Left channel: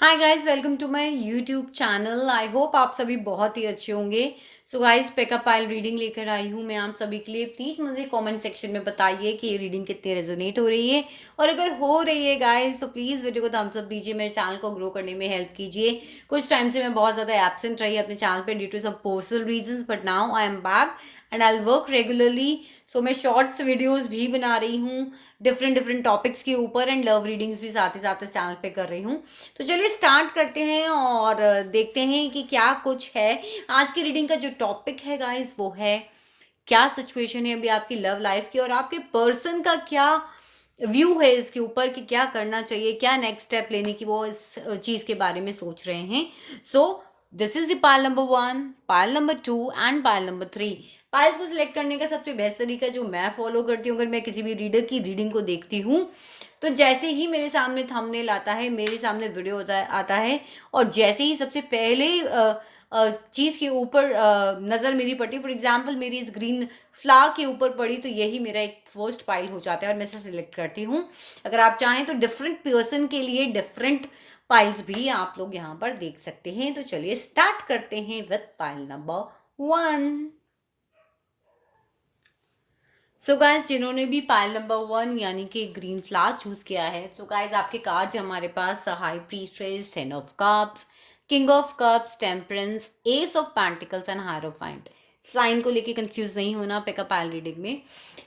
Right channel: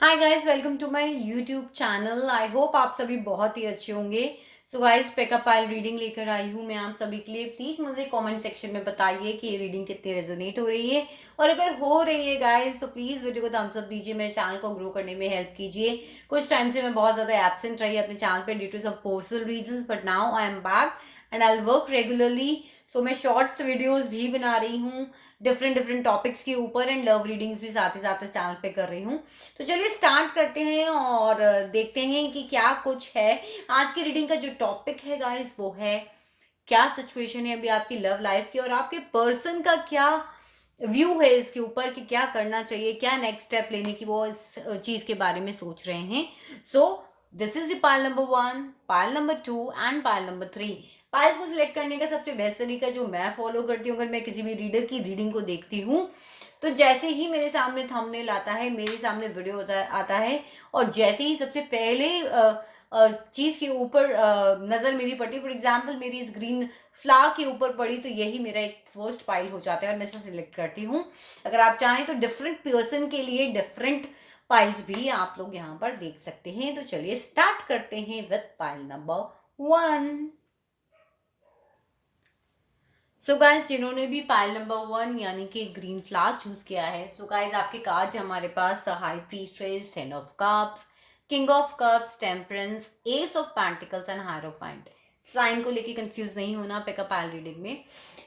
Hi guys, welcome to my YouTube channel. I hope आप सभी बहुत ही अच्छे होंगे। So guys, pick a pile reading लेकर आई हूँ मैं आप सभी के लिए। प्लीज़ मुझे कमेंट सेक्शन में बताइए कि ये रीडिंग कितनी रेजोनेट हो रही है, और अगर हो रही है गाइस तो प्लीज़ वीडियो को थम्स अप दीजिए, मेरे चैनल को ग्रो करने में हेल्प कीजिए। कुछ टाइम से मैं बहुत ज़्यादा एब्सेंट रही अपने चैनल पे due to some personal reason, but now I am back and I work regularly. So मैं शॉर्ट्स वीडियोज़ भी बना रही हूँ डिफरेंट डिफरेंट टॉपिक्स के ऊपर, एंड लव रीडिंग्स भी साथ ही साथ इस चैनल पे कर रही हूँ। तो चलिए स्टार्ट करते हैं और देखते हैं कि क्या कुछ है। आज की रीडिंग का जो टॉपिक है गाइस वो है, क्या सिचुएशन है अभी आपकी लव लाइफ की, और आपके पर्सन का क्या व्यू है इसके ऊपर कि क्या करना चाहिए, क्या नेक्स्ट स्टेप लेने की वो इस चीज के बारे में सोच रहे हैं। So this is the pile number 1, pile number 2 and pile number 3। Piles को सिलेक्ट करने का सबसे बेस्ट तरीका जो मैं फॉलो करती हूँ, अगर मैं किसी भी रीडर की रीडिंग को देखती हूँ, तो जैसे ही मेरे सामने थंबनेल आता है, मेरे सामने वीडियो आता है, और जैसे ही सबसे पहले चीज के ऊपर नजर मेरी पड़ी, फॉर एग्जाम्पल मेरी इस ग्रीन फ्लावर के ऊपर पड़ी, तो यही मेरा एक फर्स्ट पाइल हो जाता है और मैं इसे सिलेक्ट करती हूँ। अगर आप चाहें तो डिफरेंट पर्सन के लिए डिफरेंट पाइल्स भी आप लोग यहाँ पर देख सकते हैं। तो चलिए स्टार्ट करते हैं with pile number 1। So guys, जिन्होंने भी पाइल नंबर 1 यानी कि ग्रीन फ्लावर चूज किया है, सो गाइस आपके कार्ड्स हमारे पास the high priestess, 10 of cups, king of cups, temperance, ace of pentacles and hierophant. Sign को लेके कंफ्यूज नहीं होना पिकअप पाइल रीडिंग में।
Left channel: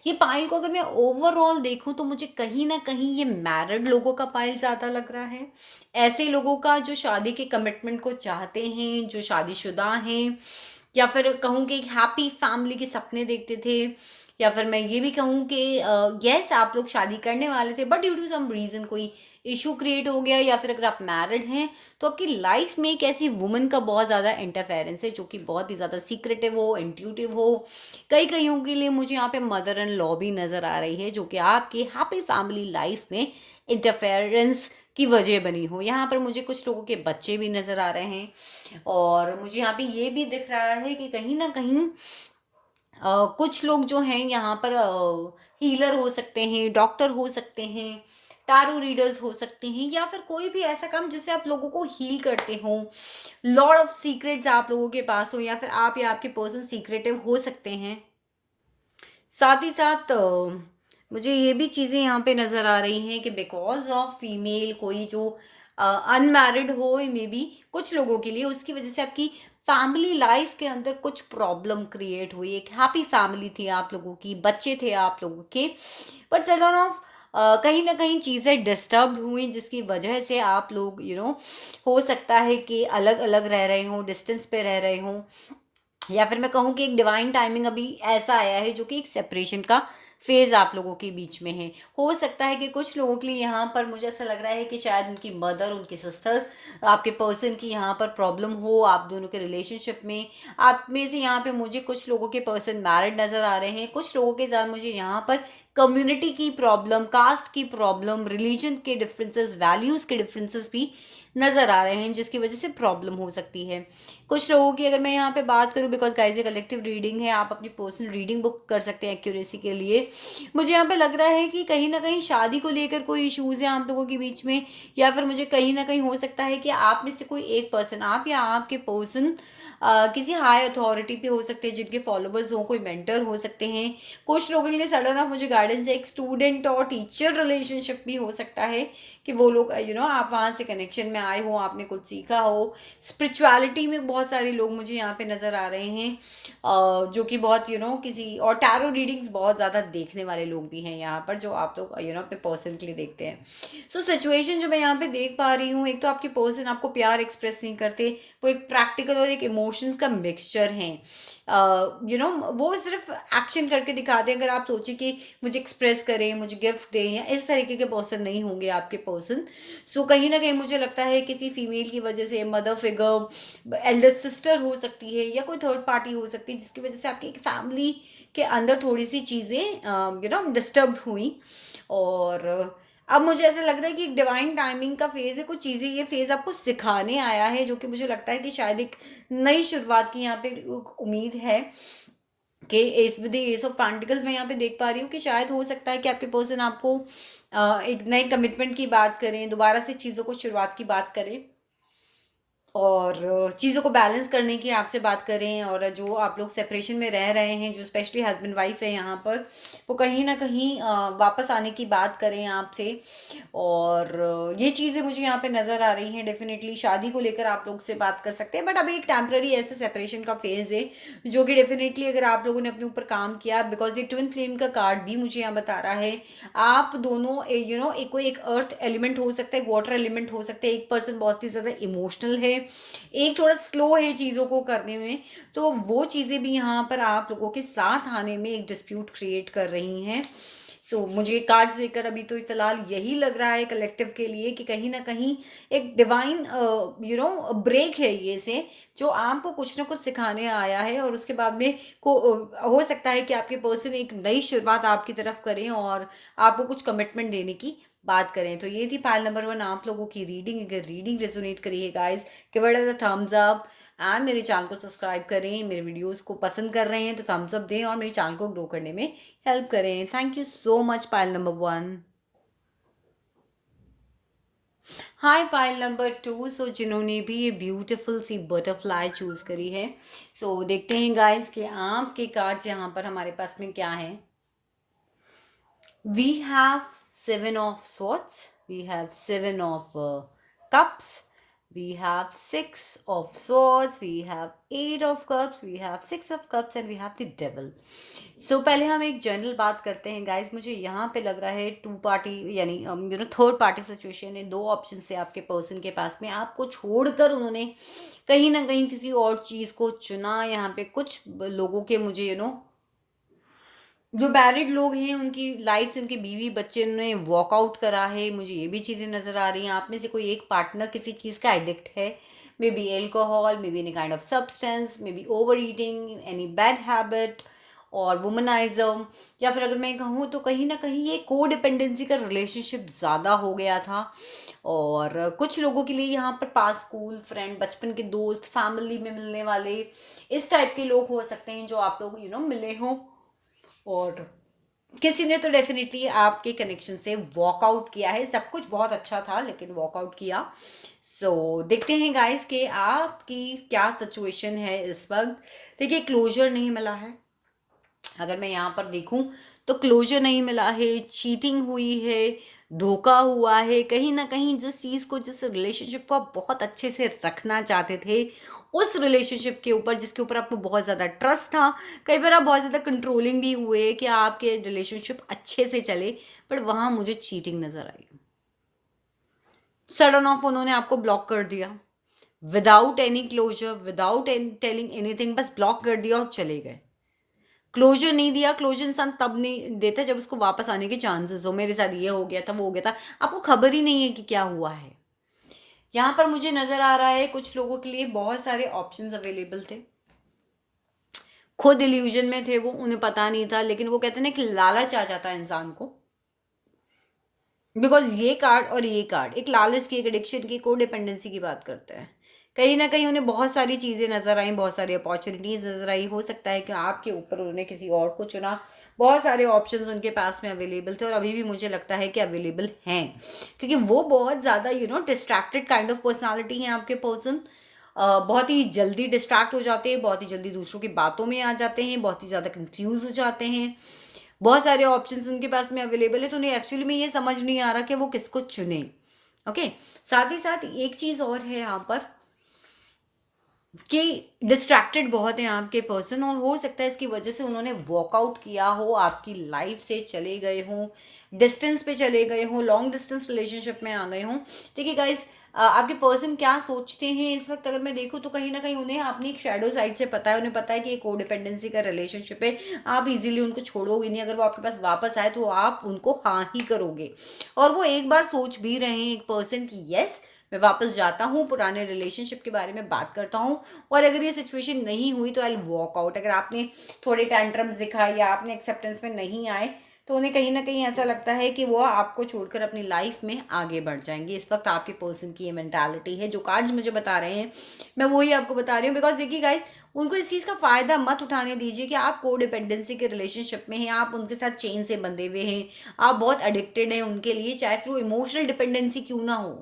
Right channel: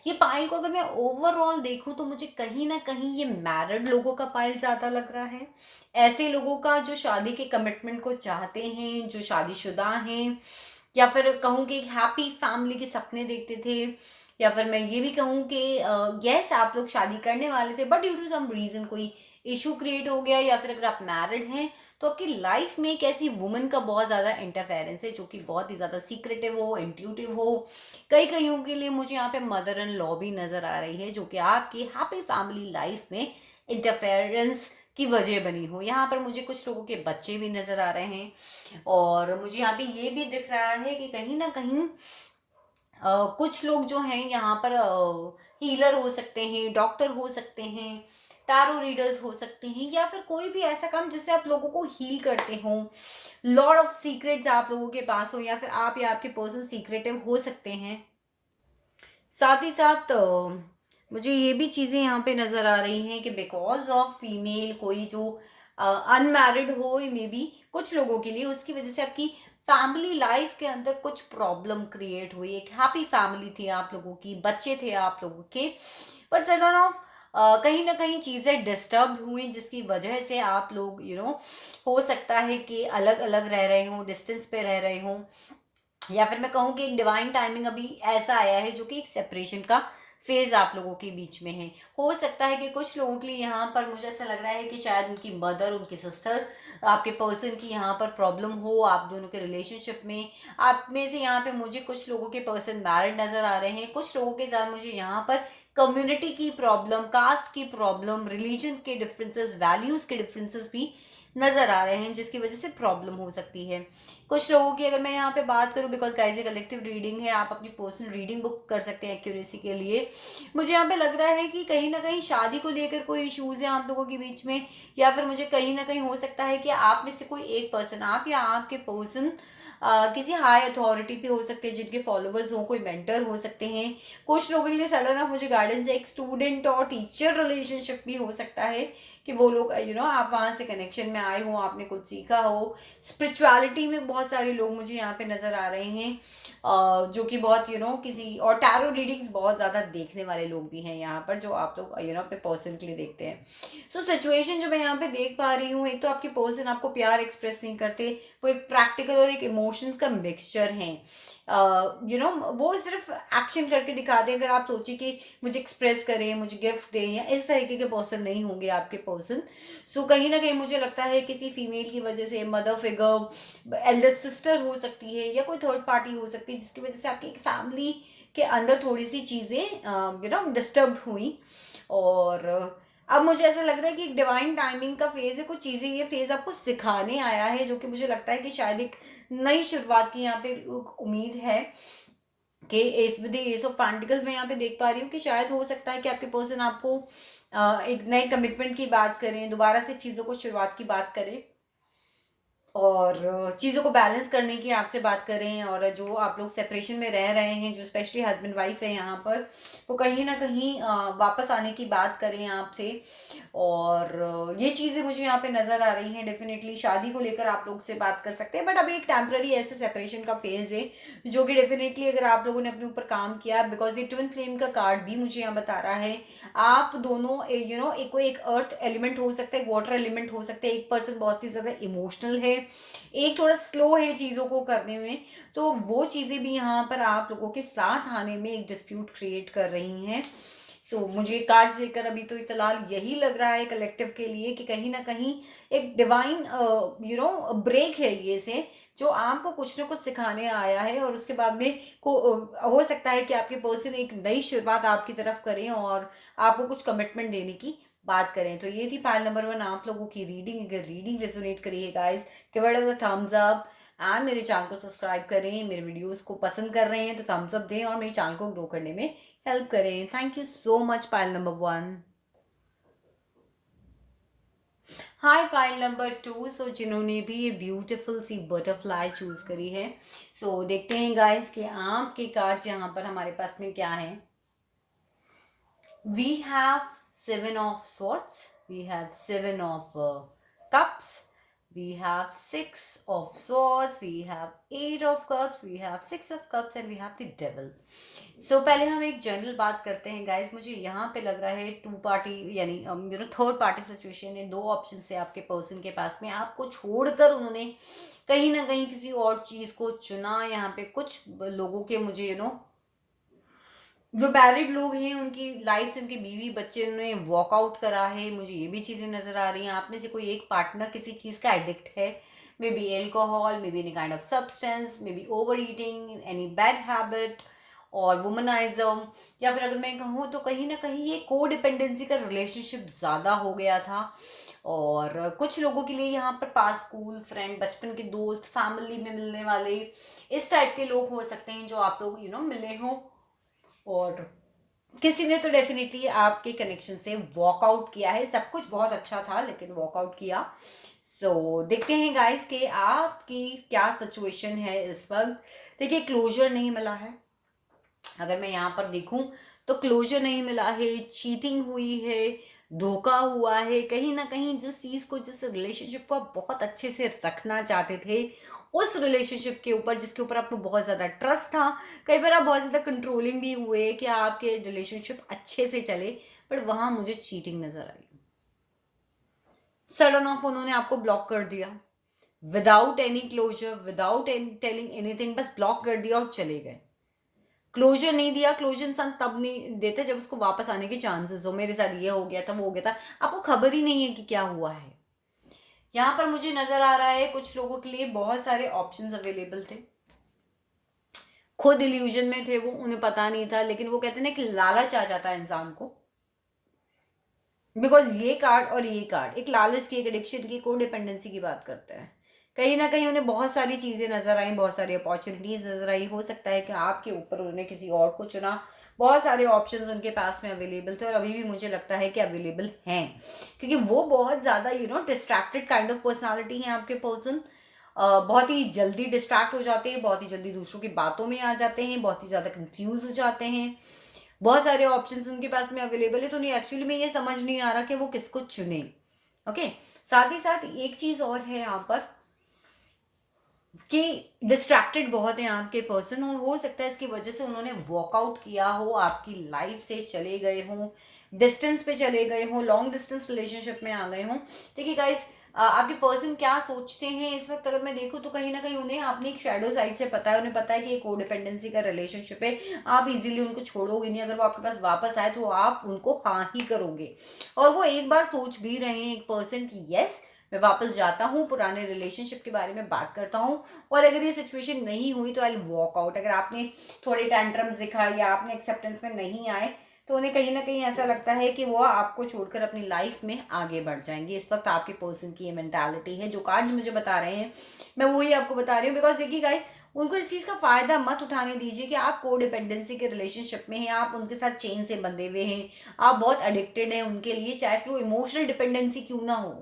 ये पाइल को अगर मैं ओवरऑल देखूं तो मुझे कहीं ना कहीं ये मैरिड लोगों का पाइल ज्यादा लग रहा है। ऐसे लोगों का जो शादी के कमिटमेंट को चाहते हैं, जो शादीशुदा हैं, या फिर कहूँ कि एक हैप्पी फैमिली के सपने देखते थे, या फिर मैं ये भी कहूँ कि यस आप लोग शादी करने वाले थे but due to some reason कोई इशू क्रिएट हो गया, या फिर अगर आप मैरिड हैं तो आपकी लाइफ में एक ऐसी वुमन का बहुत ज़्यादा इंटरफेरेंस है जो कि बहुत ही ज़्यादा सीक्रेटिव हो, इंट्यूटिव हो। कई कईयों के लिए मुझे यहाँ पे मदर इन लॉ भी नज़र आ रही है जो कि आपकी हैप्पी फैमिली लाइफ में इंटरफेरेंस की वजह बनी हो। यहाँ पर मुझे कुछ लोगों के बच्चे भी नज़र आ रहे हैं, और मुझे यहाँ पे ये भी दिख रहा है कि कहीं ना कहीं कुछ लोग जो हैं यहाँ पर हीलर हो सकते हैं, डॉक्टर हो सकते हैं, टारो रीडर्स हो सकते हैं, या फिर कोई भी ऐसा काम जिससे आप लोगों को हील करते हो। लॉर्ड ऑफ सीक्रेट्स आप लोगों के पास हो, या फिर आप या आपके पर्सन सीक्रेटिव हो सकते हैं। साथ ही साथ मुझे ये भी चीज़ें यहाँ पे नज़र आ रही हैं कि बिकॉज ऑफ फीमेल कोई जो अनमैरिड हो, मे बी कुछ लोगों के लिए उसकी वजह से आपकी फैमिली लाइफ के अंदर कुछ प्रॉब्लम क्रिएट हुई। एक हैप्पी फैमिली थी आप लोगों की, बच्चे थे आप लोगों के, बट सडन ऑफ कहीं ना कहीं चीज़ें डिस्टर्ब हुई जिसकी वजह से आप लोग हो सकता है कि अलग अलग रह रहे हों, डिस्टेंस पे रह रहे हों, या फिर मैं कहूँ कि एक डिवाइन टाइमिंग अभी ऐसा आया है जो कि एक सेपरेशन का फेज आप लोगों के बीच में है। हो सकता है कि कुछ लोगों के लिए यहाँ पर मुझे ऐसा लग रहा है कि शायद उनकी मदर, उनकी सिस्टर, आपके पर्सन की यहाँ पर प्रॉब्लम हो आप दोनों के रिलेशनशिप में। आप में से यहाँ पे मुझे कुछ लोगों के पर्सन मैरिड नजर आ रहे हैं, कुछ लोगों के साथ मुझे यहाँ पर कम्युनिटी की प्रॉब्लम, कास्ट की प्रॉब्लम, रिलीजन के डिफरेंसेस, वैल्यूज के डिफरेंसेस भी नजर आ रहे हैं जिसकी वजह से प्रॉब्लम हो सकती है कुछ लोगों की। अगर मैं यहाँ पे बात करूँ, बिकॉज गाइस ये कलेक्टिव रीडिंग है, आप अपनी पर्सनल रीडिंग बुक कर सकते हैं एक्यूरेसी के लिए। मुझे यहाँ पे लग रहा है कि कहीं ना कहीं शादी को लेकर कोई इश्यूज है आप लोगों के बीच में, या फिर मुझे कहीं ना कहीं हो सकता है कि आप में से कोई एक पर्सन, आप या आपके पर्सन किसी हाई अथॉरिटी पे हो सकते हैं, जिनके फॉलोवर्स हो, कोई मेंटर हो सकते हैं। कुछ लोगों के लिए सडन ऑफ मुझे गाइडेंस है, एक स्टूडेंट और टीचर रिलेशनशिप भी हो सकता है कि वो लोग आप वहाँ से कनेक्शन में आए हो, आपने कुछ सीखा हो। स्पिरिचुअलिटी में बहुत सारे लोग मुझे यहाँ पे नज़र आ रहे हैं, जो कि बहुत किसी, और टैरो रीडिंग्स बहुत ज़्यादा देखने वाले लोग भी हैं यहाँ पर, जो आप लोग अपने पर्सन के लिए देखते हैं। सो सिचुएशन जो मैं यहाँ पे देख पा रही हूँ, एक तो आपके पर्सन आपको प्यार एक्सप्रेस नहीं करते, वो एक प्रैक्टिकल और एक इमोशंस का मिक्सचर है। वो सिर्फ एक्शन करके दिखाते हैं। अगर आप सोचे कि मुझे एक्सप्रेस करें, मुझे गिफ्ट दें, या इस तरीके के पर्सन नहीं होंगे आपके पर्सन। सो कहीं ना कहीं मुझे लगता है किसी फीमेल की वजह से, मदर फिगर, एल्डर सिस्टर हो सकती है, या कोई थर्ड पार्टी हो सकती है, जिसकी वजह से आपकी एक फैमिली के अंदर थोड़ी सी चीज़ें डिस्टर्ब हुई। और अब मुझे ऐसा लग रहा है कि एक डिवाइन टाइमिंग का फेज है, कुछ चीज़ें ये फेज आपको सिखाने आया है, जो कि मुझे लगता है कि शायद एक नई शुरुआत की यहाँ पे उम्मीद है कि S with S of pentacles मैं यहाँ पे देख पा रही हूँ कि शायद हो सकता है कि आपके पर्सन आपको एक नए कमिटमेंट की बात करें, दोबारा से चीज़ों को शुरुआत की बात करें। और चीज़ों को बैलेंस करने की आपसे बात करें, और जो आप लोग सेपरेशन में रह रहे हैं, जो स्पेशली हस्बैंड वाइफ है यहाँ पर, वो कहीं ना कहीं वापस आने की बात करें आपसे। और ये चीज़ें मुझे यहाँ पे नज़र आ रही हैं। डेफिनेटली शादी को लेकर आप लोग से बात कर सकते हैं, बट अभी एक टेम्पररी ऐसे सेपरेशन का फेज है, जो कि डेफिनेटली अगर आप लोगों ने अपने ऊपर काम किया, बिकॉज ये ट्विन फ्लेम का कार्ड भी मुझे यहाँ बता रहा है, आप दोनों एक कोई एक अर्थ एलिमेंट हो सकता है, एक वाटर एलिमेंट हो सकता है, एक पर्सन बहुत ही ज़्यादा इमोशनल है, एक थोड़ा स्लो है चीज़ों को करने में। तो वो चीज़ें भी यहाँ पर आप लोगों के साथ आने में एक डिस्प्यूट क्रिएट कर रही हैं। मुझे कार्ड्स देकर अभी तो फिलहाल यही लग रहा है कलेक्टिव के लिए कि कहीं ना कहीं एक डिवाइन ब्रेक है ये से, जो आपको कुछ ना कुछ सिखाने आया है, और उसके बाद में हो सकता है कि आपके पर्सन एक नई शुरुआत आपकी तरफ करें और आपको कुछ कमिटमेंट देने की बात करें। तो ये थी फाइल नंबर 1 आप लोगों की रीडिंग। अगर रीडिंग रेजोनेट करी है guys, give it a thumbs up, and मेरे चैनल को सब्सक्राइब करें। मेरे वीडियोस को पसंद कर रहे हैं तो थम्स अप दें और मेरे चैनल को ग्रो करने में हेल्प करें। Thank you so much pile number 1। Hi pile number 2। जिन्होंने भी ये ब्यूटीफुल सी बटरफ्लाई चूज करी है, देखते हैं गाइस कि आपके कार्ड्स यहाँ पर हमारे पास में क्या है। We have 7 of swords, we have 7 of cups, we have 6 of swords, we have 8 of cups, we have 6 of cups, and we have the devil. पहले हम एक जनरल बात करते हैं गाइस। मुझे यहाँ पे लग रहा है टू पार्टी यानी थर्ड पार्टी सिचुएशन है। दो ऑप्शन है आपके पर्सन के पास में, आपको छोड़कर उन्होंने कहीं ना कहीं किसी और चीज को चुना। यहाँ पे कुछ लोगों के मुझे जो मैरिड लोग हैं उनकी लाइफ से उनके बीवी बच्चे ने वॉकआउट करा है, मुझे ये भी चीज़ें नज़र आ रही हैं। आप में से कोई एक पार्टनर किसी चीज़ का एडिक्ट है, may be alcohol, may be any kind of substance, may be over eating, any bad habit और वुमनाइज्म, या फिर अगर मैं कहूँ तो कहीं ना कहीं ये को डिपेंडेंसी का रिलेशनशिप ज़्यादा हो गया था। और कुछ लोगों के लिए यहाँ पर पास स्कूल फ्रेंड, बचपन के दोस्त, फैमिली में मिलने वाले इस टाइप के लोग हो सकते हैं जो आप लोग मिले हों। और किसी ने तो डेफिनेटली आपके कनेक्शन से वॉकआउट किया है। सब कुछ बहुत अच्छा था लेकिन वॉकआउट किया। देखते हैं गाइस कि आपकी क्या सिचुएशन है इस वक्त। देखिए, क्लोजर नहीं मिला है। अगर मैं यहाँ पर देखूं तो क्लोजर नहीं मिला है, चीटिंग हुई है, धोखा हुआ है। कहीं ना कहीं जिस चीज़ को, जिस रिलेशनशिप को आप बहुत अच्छे से रखना चाहते थे, उस रिलेशनशिप के ऊपर जिसके ऊपर आपको बहुत ज़्यादा ट्रस्ट था, कई बार आप बहुत ज़्यादा कंट्रोलिंग भी हुए कि आपके रिलेशनशिप अच्छे से चले, बट वहाँ मुझे चीटिंग नज़र आई। सडन ऑफ उन्होंने आपको ब्लॉक कर दिया, without any closure, without telling anything, बस ब्लॉक कर दिया और चले गए। क्लोजर नहीं दिया। क्लोजर इंसान तब नहीं देता जब उसको वापस आने के चांसेस हो। मेरे साथ ये हो गया था, वो हो गया था, आपको खबर ही नहीं है कि क्या हुआ है। यहाँ पर मुझे नजर आ रहा है कुछ लोगों के लिए बहुत सारे ऑप्शंस अवेलेबल थे, खुद इल्यूजन में थे वो, उन्हें पता नहीं था, लेकिन वो कहते हैं ना कि लालच आ जाता है इंसान को। बिकॉज ये कार्ड और ये कार्ड एक लालच की, एक एडिक्शन की, को डिपेंडेंसी की बात करते हैं। कहीं ना कहीं उन्हें बहुत सारी चीज़ें नजर आई, बहुत सारी अपॉर्चुनिटीज नजर आई। हो सकता है कि आपके ऊपर उन्होंने किसी और को चुना। बहुत सारे ऑप्शंस उनके पास में अवेलेबल थे और अभी भी मुझे लगता है कि अवेलेबल हैं, क्योंकि वो बहुत ज़्यादा डिस्ट्रैक्टेड काइंड ऑफ पर्सनालिटी है आपके पर्सन। बहुत ही जल्दी डिस्ट्रैक्ट हो जाते हैं, बहुत ही जल्दी दूसरों की बातों में आ जाते हैं, बहुत ही ज़्यादा कंफ्यूज हो जाते हैं। बहुत सारे ऑप्शंस उनके पास में अवेलेबल है, तो उन्हें एक्चुअली में ये समझ नहीं आ रहा कि वो किसको चुने। ओके, साथ ही साथ एक चीज और है यहाँ पर कि डिस्ट्रैक्टेड बहुत है आपके पर्सन, और हो सकता है इसकी वजह से उन्होंने वॉकआउट किया हो, आपकी लाइफ से चले गए हों, डिस्टेंस पे चले गए हों, लॉन्ग डिस्टेंस रिलेशनशिप में आ गए हों। देखिए गाइस, आपके पर्सन क्या सोचते हैं इस वक्त अगर मैं देखूं तो कहीं ना कहीं उन्हें अपनी एक शैडो साइड से पता है। उन्हें पता है कि ये कोडिपेंडेंसी का रिलेशनशिप है, आप इजीली उनको छोड़ोगे नहीं। अगर वो आपके पास वापस आए तो आप उनको हाँ ही करोगे, और वो एक बार सोच भी रहे हैं एक पर्सन की, यस मैं वापस जाता हूँ, पुराने रिलेशनशिप के बारे में बात करता हूँ, और अगर ये सिचुएशन नहीं हुई तो आई वॉक आउट। अगर आपने थोड़े टेंट्रम्स दिखाए या आपने एक्सेप्टेंस में नहीं आए, तो उन्हें कहीं ना कहीं ऐसा लगता है कि वो आपको छोड़कर अपनी लाइफ में आगे बढ़ जाएंगे। इस वक्त आपके पर्सन की ये मेंटालिटी है। जो कार्ड्स मुझे बता रहे हैं मैं वही आपको बता रही हूँ। बिकॉज देखिए गाइस, उनको इस चीज़ का फायदा मत उठाने दीजिए कि आप को डिपेंडेंसी के रिलेशनशिप में हैं, आप उनके साथ चेन से बंधे हुए हैं, आप बहुत एडिक्टेड हैं उनके लिए, चाहे फिर वो इमोशनल डिपेंडेंसी क्यों ना हो।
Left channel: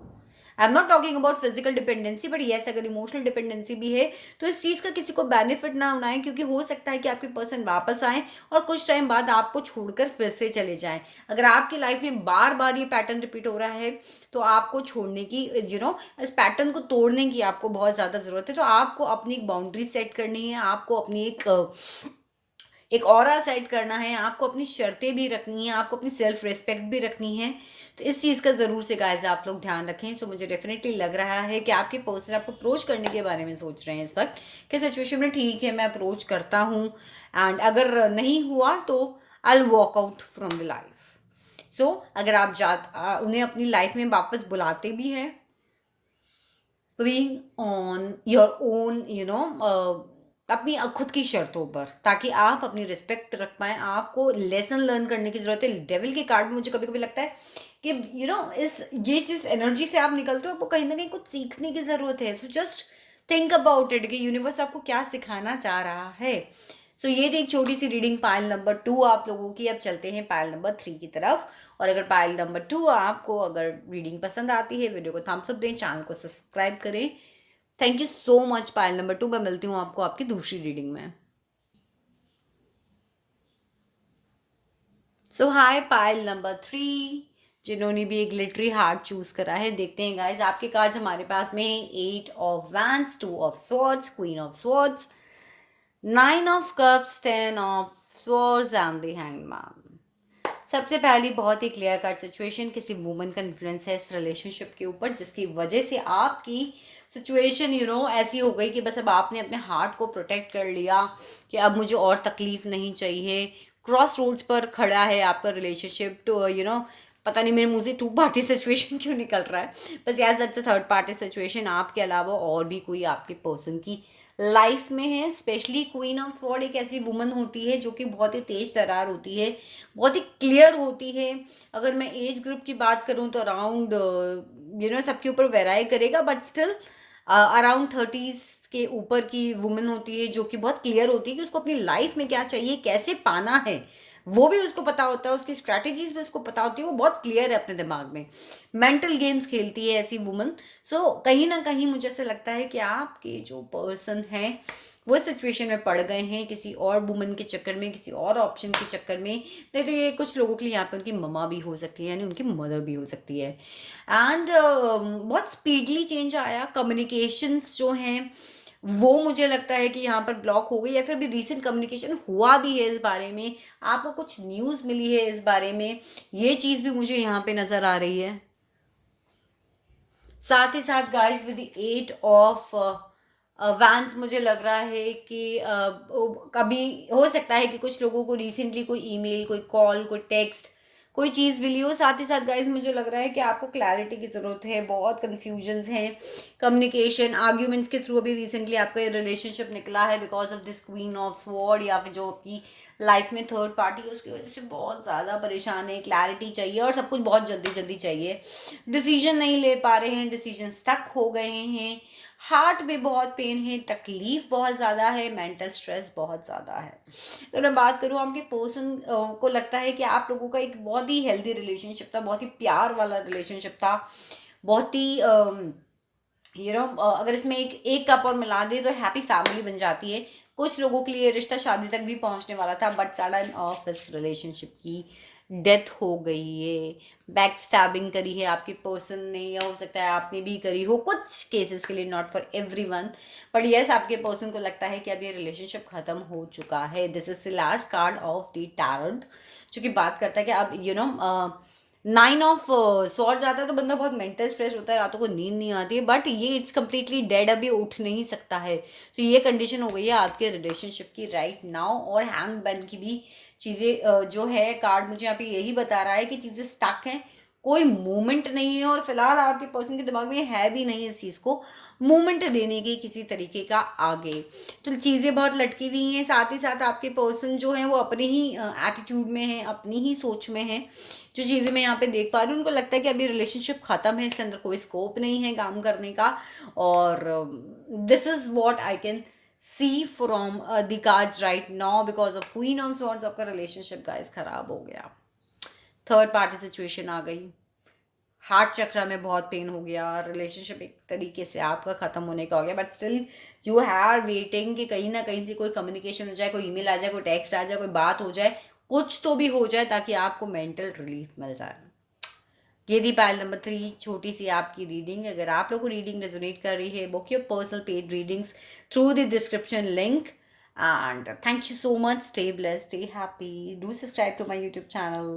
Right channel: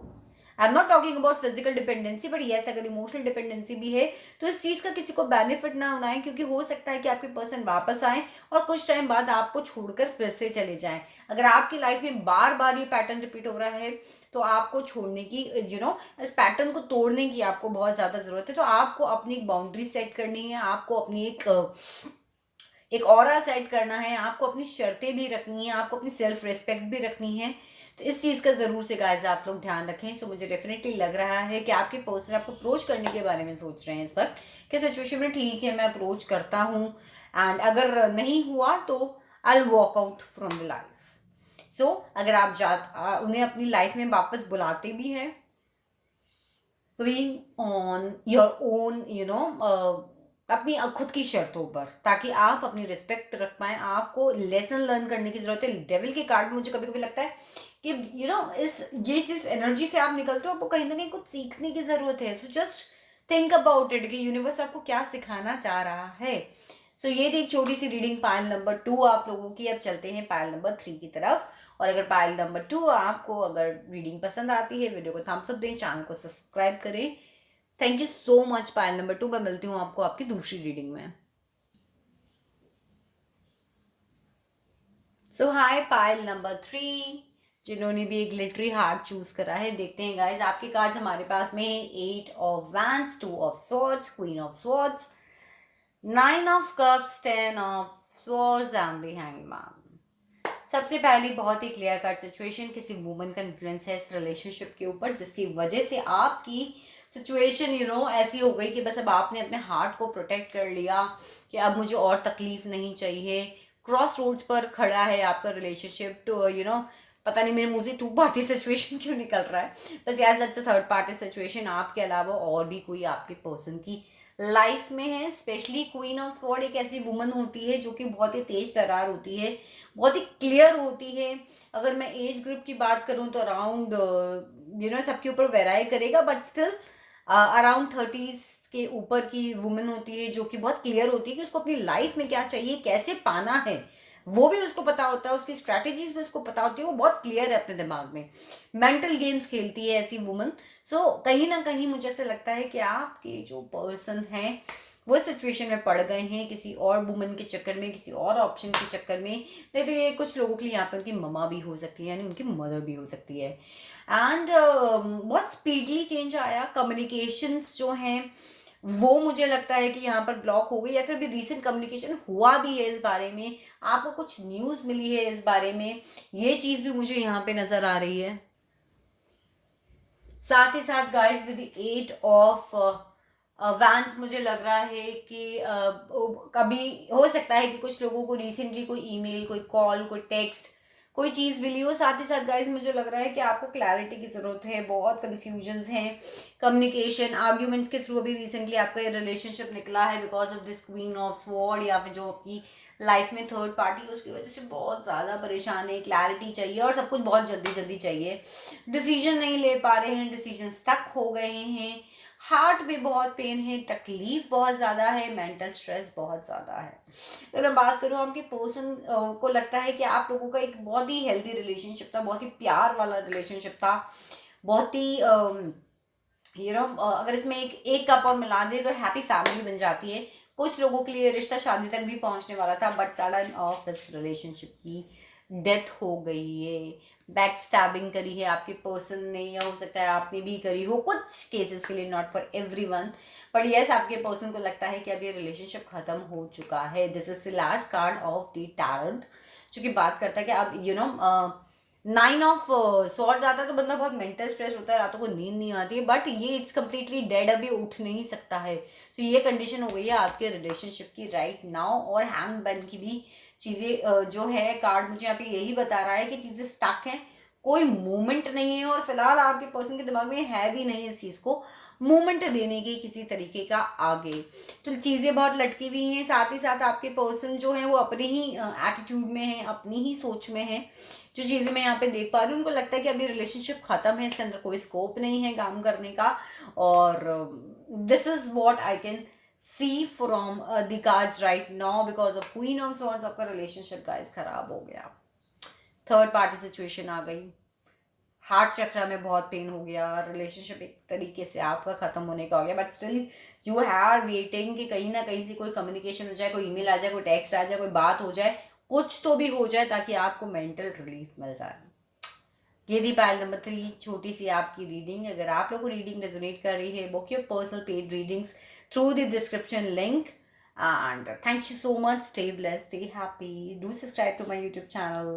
I am not talking about physical dependency, but yes अगर इमोशनल डिपेंडेंसी भी है तो इस चीज़ का किसी को बेनिफिट ना उठाएं, क्योंकि हो सकता है कि आपके पर्सन वापस आए और कुछ टाइम बाद आपको छोड़कर फिर से चले जाएं। अगर आपकी लाइफ में बार बार ये पैटर्न रिपीट हो रहा है तो आपको छोड़ने की, इस पैटर्न को तोड़ने की आपको बहुत ज़्यादा ज़रूरत है। तो आपको अपनी एक बाउंड्री सेट करनी है, आपको अपनी एक ऑरा सेट करना है, आपको अपनी शर्तें भी रखनी है, आपको अपनी सेल्फ रिस्पेक्ट भी रखनी है। तो इस चीज़ का ज़रूर से गाइस आप लोग ध्यान रखें। सो मुझे डेफिनेटली लग रहा है कि आपके पर्सन आपको अप्रोच करने के बारे में सोच रहे हैं इस वक्त, कि सिचुएशन में ठीक है मैं अप्रोच करता हूँ, एंड अगर नहीं हुआ तो I will walk out from the life. So अगर आप उन्हें अपनी लाइफ में वापस बुलाते भी हैं, बीइंग ऑन योर ओन अपनी खुद की शर्तों पर, ताकि आप अपनी रिस्पेक्ट रख पाए। आपको लेसन लर्न करने की जरूरत है। डेविल के कार्ड में मुझे कभी कभी लगता है कि इस ये जिस एनर्जी से आप निकलते हो आपको कहीं ना कहीं कुछ सीखने की जरूरत है। तो जस्ट थिंक अबाउट इट कि यूनिवर्स आपको क्या सिखाना चाह रहा है। सो ये थी एक छोटी सी रीडिंग पायल नंबर 2 आप लोगों की। अब चलते हैं पायल नंबर 3 की तरफ। और अगर पायल नंबर 2 आपको अगर रीडिंग पसंद आती है, वीडियो को थम्स अप दें, चैनल को सब्सक्राइब करें। Thank you so much pile number 2। मैं मिलती हूँ आपको आपकी दूसरी रीडिंग में। सो हाय पायल नंबर 3, जिन्होंने भी एक ग्लिटरी हार्ट चूज करा है। देखते हैं गाइज आपके कार्ड्स हमारे पास में 8 of wands, 2 of swords, queen of swords, 9 of cups, 10 of swords and the hangman. सबसे पहली बहुत ही क्लियर कट सिचुएशन, किसी वुमन का इन्फ्लुएंस है इस रिलेशनशिप के ऊपर, जिसकी वजह से आपकी सिचुएशन ऐसी हो गई कि बस अब आपने अपने हार्ट को प्रोटेक्ट कर लिया कि अब मुझे और तकलीफ नहीं चाहिए। क्रॉस रोड्स पर खड़ा है आपका रिलेशनशिप। टू पता नहीं मेरे मुंह से टू पार्टी सिचुएशन क्यों निकल रहा है, बस यार that's a third party situation. आपके अलावा और भी कोई आपके पर्सन की लाइफ में है। स्पेशली क्वीन ऑफ स्वॉर्ड एक ऐसी वुमन होती है जो कि बहुत ही तेज तरार होती है, बहुत ही क्लियर होती है। अगर मैं एज ग्रुप की बात करूं तो अराउंड सबके ऊपर वेराई करेगा, बट स्टिल अराउंड 30s के ऊपर की वुमन होती है, जो कि बहुत क्लियर होती है कि उसको अपनी लाइफ में क्या चाहिए, कैसे पाना है, वो भी उसको पता होता है। उसकी स्ट्रैटेजीज भी उसको पता होती है, वो बहुत क्लियर है अपने दिमाग में। मेंटल गेम्स खेलती है ऐसी वुमन। सो कहीं ना कहीं मुझे ऐसा लगता है कि आपके जो पर्सन है वो सिचुएशन में पड़ गए हैं किसी और वुमन के चक्कर में, किसी और ऑप्शन के चक्कर में। नहीं तो ये कुछ लोगों के लिए यहाँ पे उनकी मम्मा भी हो सकती है, यानी उनकी मदर भी हो सकती है। एंड बहुत स्पीडली चेंज आया। कम्युनिकेशंस जो हैं वो मुझे लगता है कि यहाँ पर ब्लॉक हो गई, या फिर भी रीसेंट कम्युनिकेशन हुआ भी है इस बारे में, आपको कुछ न्यूज़ मिली है इस बारे में, ये चीज़ भी मुझे यहाँ पे नज़र आ रही है। साथ ही साथ guys with the 8 of vents मुझे लग रहा है कि कभी हो सकता है कि कुछ लोगों को रिसेंटली कोई ईमेल, कोई कॉल, कोई टेक्स्ट, कोई चीज़ मिली हो। साथ ही साथ गाइस मुझे लग रहा है कि आपको क्लैरिटी की ज़रूरत है। बहुत कन्फ्यूजन्स हैं, कम्युनिकेशन, आर्ग्यूमेंट्स के थ्रू अभी रिसेंटली आपका ये रिलेशनशिप निकला है because of this queen of sword, या फिर जो आपकी लाइफ में थर्ड पार्टी है उसकी वजह से बहुत ज़्यादा परेशान है। क्लैरिटी चाहिए और सब कुछ बहुत जल्दी जल्दी चाहिए। डिसीजन नहीं ले पा रहे हैं, डिसीजन स्टक हो गए हैं। हार्ट में बहुत पेन है, तकलीफ बहुत ज़्यादा है, मेंटल स्ट्रेस बहुत ज़्यादा है। अगर मैं बात करूँ आपके पर्सन को लगता है कि आप लोगों का एक बहुत ही हेल्दी रिलेशनशिप था, बहुत ही प्यार वाला रिलेशनशिप था, बहुत ही अगर इसमें एक एक कप और मिला दे तो हैप्पी फैमिली बन जाती है। कुछ लोगों के लिए रिश्ता शादी तक भी पहुंचने वाला था, बट सडन ऑफ इस रिलेशनशिप की डेथ हो गई है। बैक स्टैबिंग करी है आपके पर्सन ने, या हो सकता है आपने भी करी हो, कुछ केसेस के लिए, not for everyone, but yes आपके पर्सन को लगता है कि अब ये रिलेशनशिप खत्म हो चुका है। This is the last card of the tarot, जो कि बात करता है कि अब 9 ऑफ स्वॉर्ड आता है तो बंदा बहुत मेंटल स्ट्रेस होता है, रातों को नींद नहीं आती है, बट ये इट्स कम्प्लीटली डेड, अभी उठ नहीं सकता है। तो ये कंडीशन हो गई है आपके रिलेशनशिप की राइट नाउ। और हैंगमैन की भी चीज़ें जो है कार्ड मुझे यहाँ पे यही बता रहा है कि चीज़ें स्टक हैं, कोई मूवमेंट नहीं है, और फिलहाल आपके पर्सन के दिमाग में है भी नहीं इस चीज़ को मूवमेंट देने की किसी तरीके का आगे। तो चीज़ें बहुत लटकी हुई हैं। साथ ही साथ आपके पर्सन जो है वो अपने ही एटीट्यूड में है, अपनी ही सोच में है। जो चीज़ें मैं यहाँ पे देख पा रही हूँ, उनको लगता है कि अभी रिलेशनशिप खत्म है, इसके अंदर कोई स्कोप नहीं है काम करने का। और this is what I can see from the cards right now, because of queen of swords आपका रिलेशनशिप गाइस खराब हो गया, थर्ड पार्टी सिचुएशन आ गई, हार्ट चक्र में बहुत पेन हो गया, रिलेशनशिप एक तरीके से आपका ख़त्म होने का हो गया, but still you are waiting कि कहीं ना कहीं से कोई कम्युनिकेशन हो जाए, कोई ईमेल आ जाए, कोई टेक्स्ट आ जाए, कोई बात हो जाए, कुछ तो भी हो जाए ताकि आपको मेंटल रिलीफ मिल जाए। ये थी पाइल नंबर 3, छोटी सी आपकी रीडिंग। अगर आप लोगों को रीडिंग रेजोनेट कर रही है, book your personal paid readings through the description link. And thank you so much. Stay blessed, stay happy. Do subscribe to my YouTube channel.